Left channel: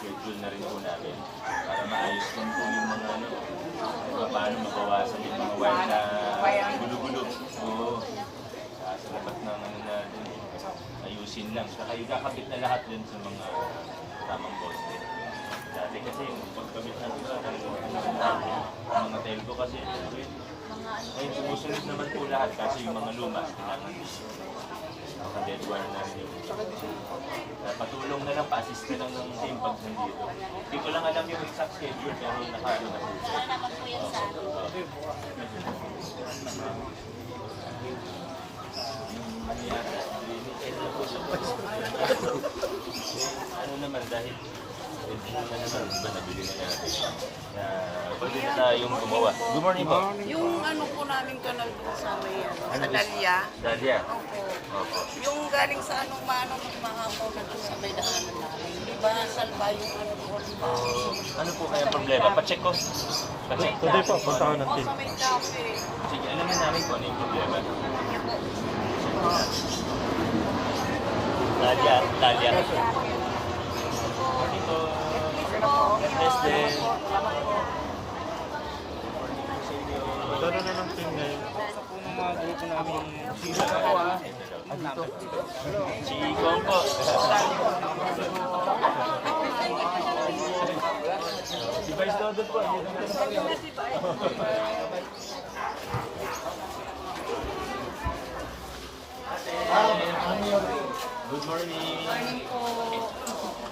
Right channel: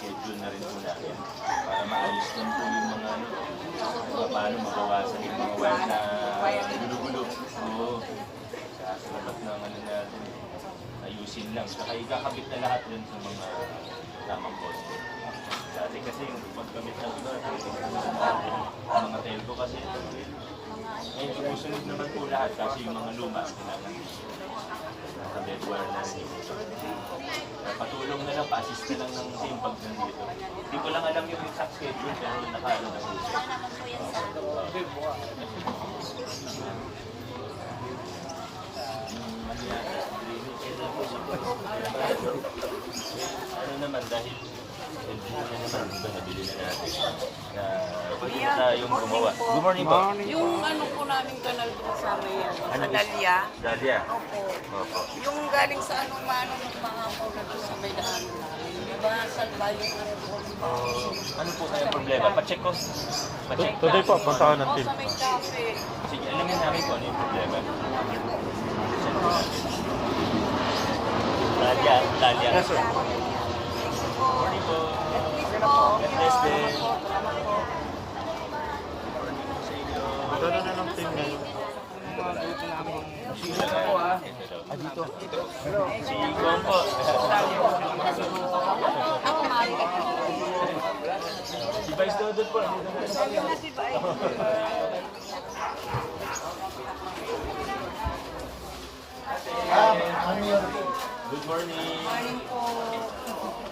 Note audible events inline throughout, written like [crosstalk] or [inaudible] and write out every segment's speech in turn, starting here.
sinaschedule na rin po namin para maayos din po yung mga ano, paano mabawasan yung mga wire na gulo-gulo. Oo. Sa, sa ng ano natin, ayusin lang. Saka ikakabit na lahat din sa mga tamang poste. Dati kasi yung pagkabit na natin, mga telco kasi ngayon sumusunod naman po lahat kasi yung mga luma kailangan naka-dead wire na rin yung Kaya patulong na lang, pa-assist na lang ng team pag nandito. Hindi ko lang alam yung exact schedule pero nakaano na po. sa Ano naman dahil pwede na naman, iba nabili na natin. Na pwede na tayong gumawa. Good morning po. Yung ano po namin kanal po sa may ano, Ano sa gusto? Dalia. Dalia. Opo. Opo. Yung galing sa anong mano ng mga po na doon sa may daanan namin. Di ba salba yung ano doon? Oh, ano po kaya problema? Pa-check ko. Pa-check ko. Pwede po, punta ko ng O team. sa may cafe. Sige, alamin namin kung ano yung problema. Dalia, Dalia. Morning po. God bless din. Magkano na ng team ngayon? Ah, dito. Si Gong po. si Vice po. Good morning. Hello.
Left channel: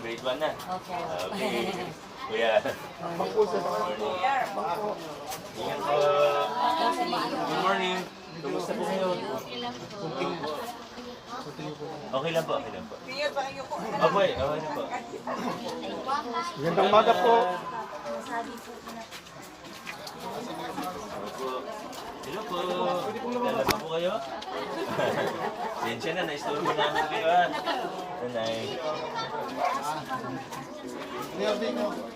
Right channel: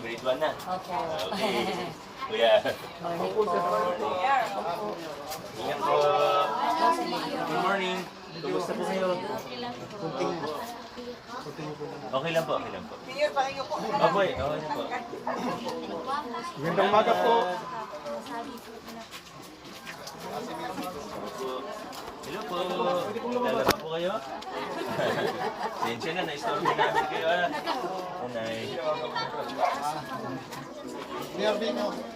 Grade 1 na. Opo. Okay. [laughs] Kuya. Ingat po. Good morning. Kumusta po kayo? Okay lang po, okay lang po. Okay, okay na po. Gandang umaga po. Hello po. Lalaba po kayo? [laughs] Sensya na, na-istorbo namin kayo ha. Nanay.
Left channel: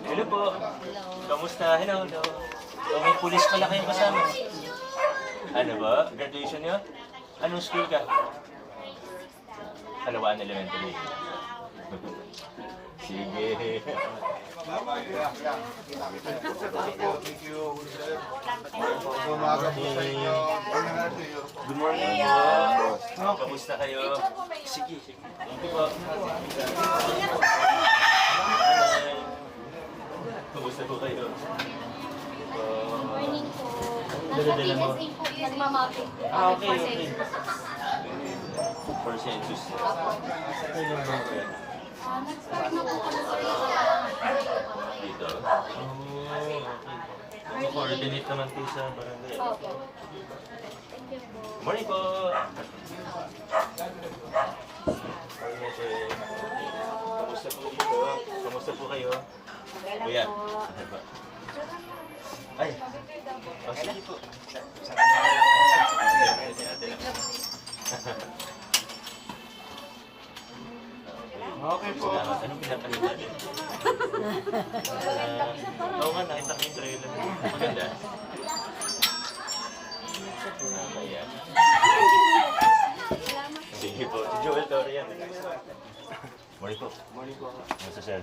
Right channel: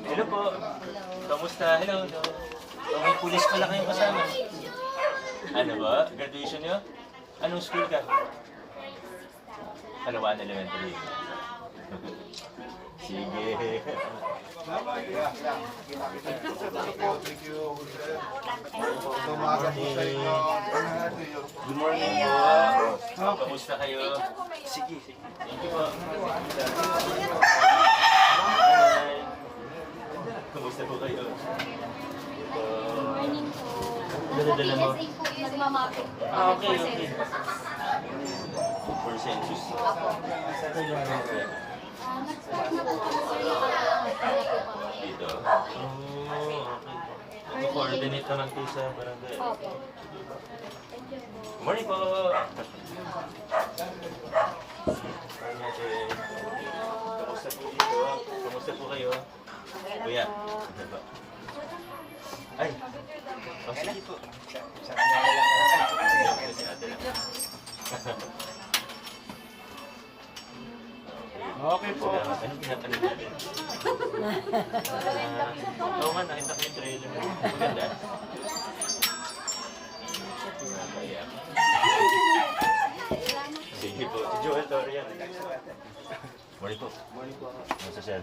Hello po. Kamusta? Hello, hello. Oh, may pulis pala kayong kasama. Ano ba? Graduation niyo? Anong school ka? Kalawaan Elementary. Sige. Good morning po. Kamusta kayo? Sige, sige. Thank you po. Kamusta po kayo? Morning po. Mo. PSA po, nagmamapping. Ah, okay, okay. For census. Okay. Po po. Dito. Oh, okay. Mag-coordinate naman po sa barangay. Opo. Po. Morning po. Morning ate. Kamusta po dito? Kamusta po kayo? Kuya. Ay. Oh, sige po. Sige, si ate lang. Okay po. Salamat. Anong pinapanood natin? Oo nga, nakita ko yung trailer. Maganda. Nakakaya. Sige po. Si Joel Dorian. Morning po. Morning po. Ano sa sir?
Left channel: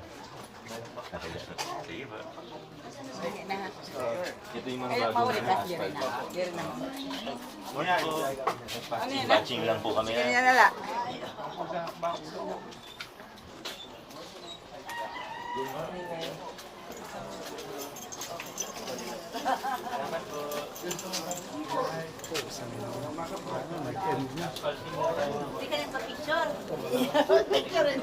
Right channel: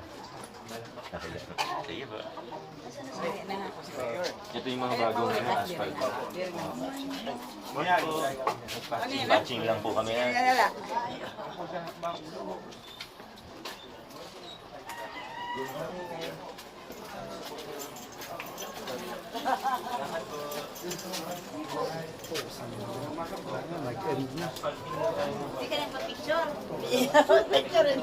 Nakakaya. Sige po. Ito yung mga bagong ano, asphalt. Morning po. Batching lang po kami ha. Hindi ka ano, nag-end na. Hindi ka nagpa-picture. Picture rin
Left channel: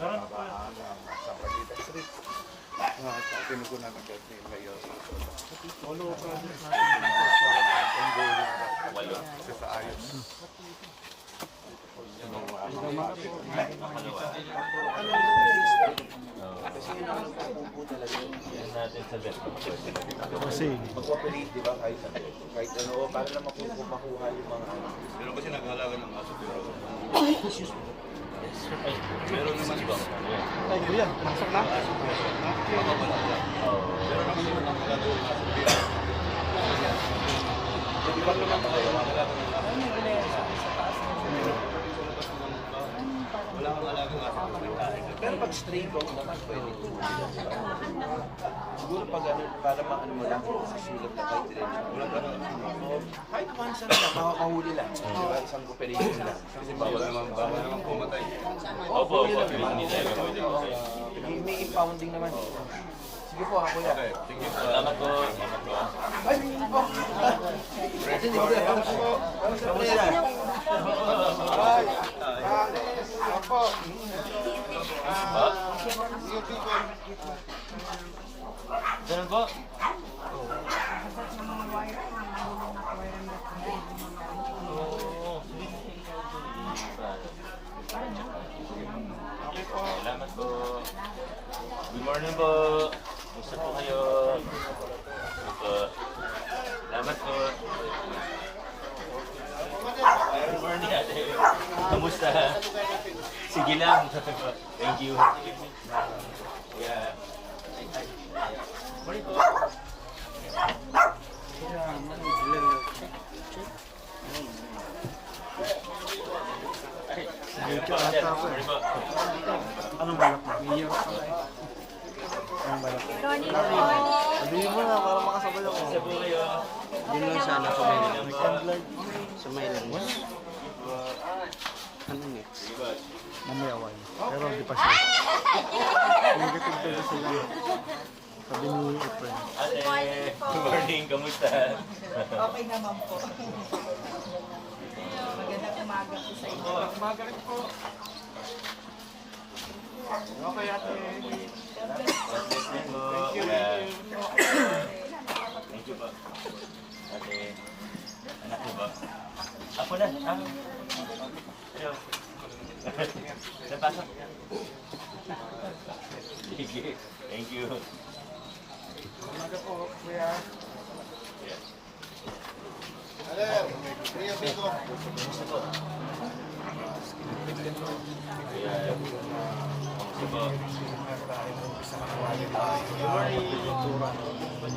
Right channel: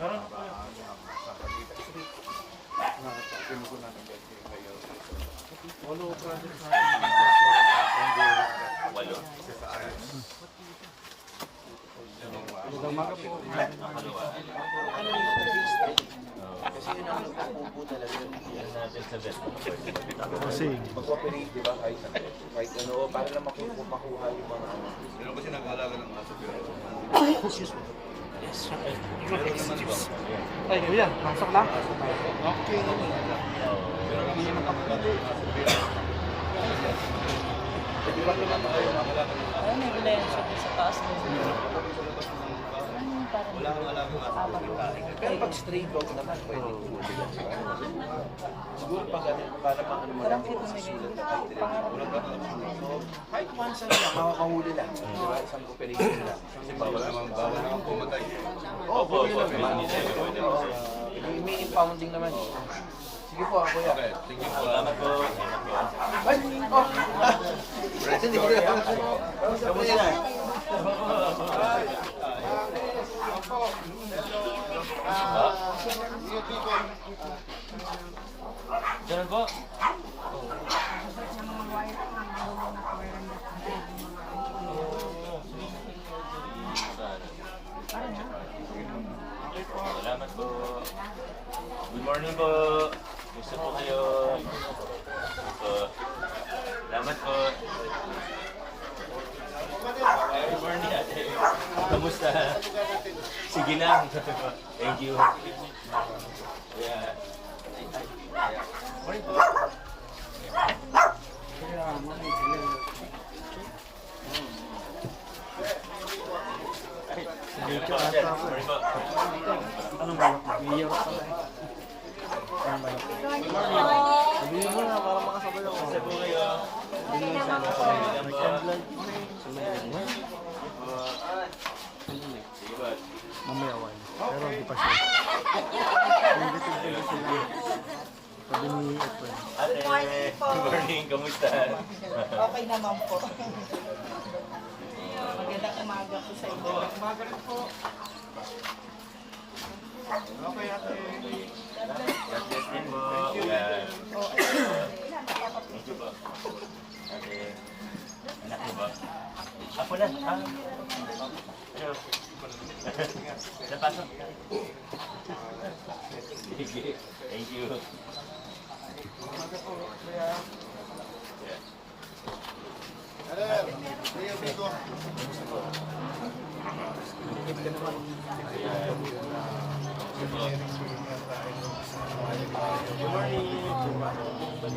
Meron pa. Bet. Kasi, Mag-cooperate, di ba? Kahit, kahit ano, para lang makuha, yung mga ano. Meron kasi nag-aalaga ng aso pero meron naman ba? ay, yan, pasok na. makapalaga. Pero ang mga nakakalaga ng aso pero Di ba naman tayo makakalaga ng aso? Wala kang aso pero may. Pero pag stray dog naman, pwede sila. Siguro pag ano, para maano mo lang, susulat na kahit rin. Wala ka. So, kahit once na lang, makakahuli lang. Di ba? Isang cooperation sila. Kasi bawal naman, bawal naman pumatay. Opo, opo. May- May impounding naman. Sige po, ako yan. Okay, thank you po. Salamat po. Ay, oh! Hindi, hindi. Kamusta? Ganun po. Oo. Okay po. Salamat po. Good morning po. Gusto po kayo? Opo. Salamat po. Good morning ate. Kamusta? Sige lang. [laughs] Thank you. Yeah. Morning po. dito ata ako eh. Morning po. Anong balak mo? Iyak ako eh. Anong balak mo? Sabihin mo na, para makasabay ako. Gusto po kayo? Hindi lang siya nasa Sige lang may po. candlelight. Sige po. Mamaya wine. Pero hindi pa siya. Negative daw sila. Sabi ni Efren. Ate, good morning. Kamusta? Okay naman po. Magandang umaga po sa inyo. Umaga rin po. Okay ate. God bless din po. Yeah. Thank you po. Ate, anak mo ba? Ako na. Ah. Hello. Napasok. Sige. Thank you. Good morning. Sino po? Uh, yeah. Tingnan mo sa kanan niya. Thank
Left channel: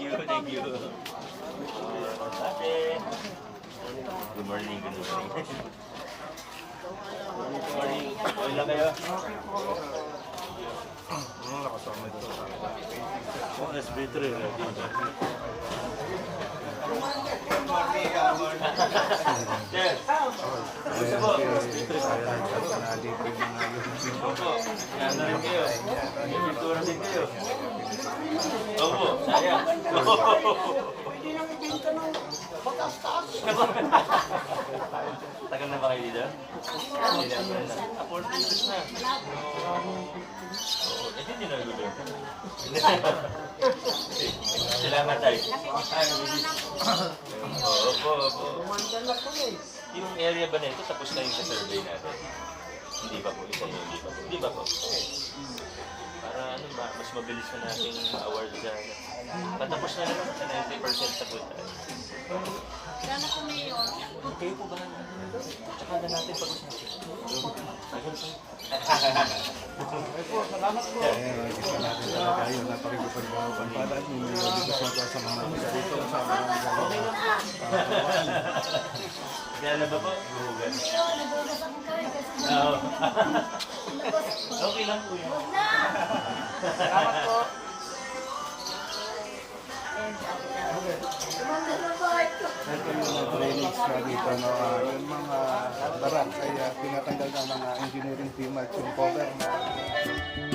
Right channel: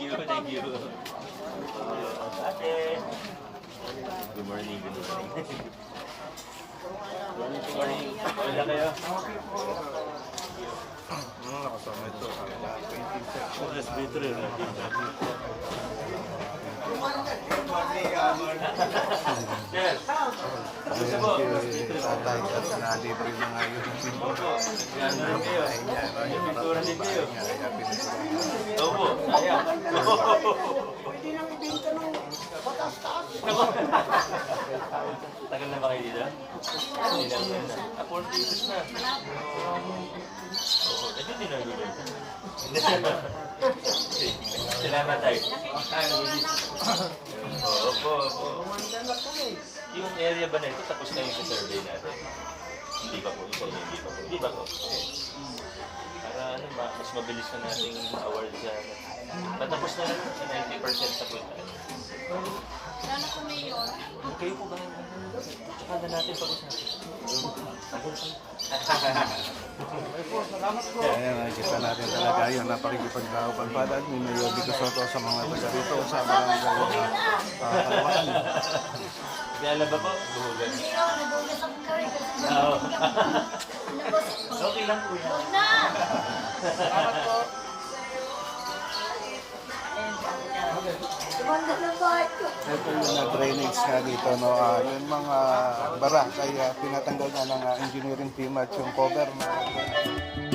you, thank you. Good morning, good morning. [laughs] Wala kayo. Ano nakasama ito? OSB3. Opo, yan na rin kayo. May pintura din kayo. Opo, sayang. Pwede nang ibinta ng batas-taas. Tagal na ba kayo dito? Hindi na. 40 years na. Oo, eh, hindi na gulo. Salamat tayo. Opo, opo. Yung area ba na ito, tapos na yung survey natin? Hindi pa po, isa hindi pa po. Hindi ba po? Para ano ba, mas mabilis na nating ma-award sa ano. Patapos na naman sa 90% sa po tayo. Sana po mayor. Kayo po ba? Na natin pag-usapan. Ayan, nakikita natin talaga yung napakikipagpagpadaan ni Mayor Vico Soto sa mga dito sa sa barangay. Kaya ba po? Buhugan. Pero nagugas ako kawin kasi. Okay lang po yun. Huwag na! Salamat po. Na. Ito yung mga drainage nga dito, no? Ah, yung mga barangay, ah, pinatanggal ng mga engineering team at yung cover na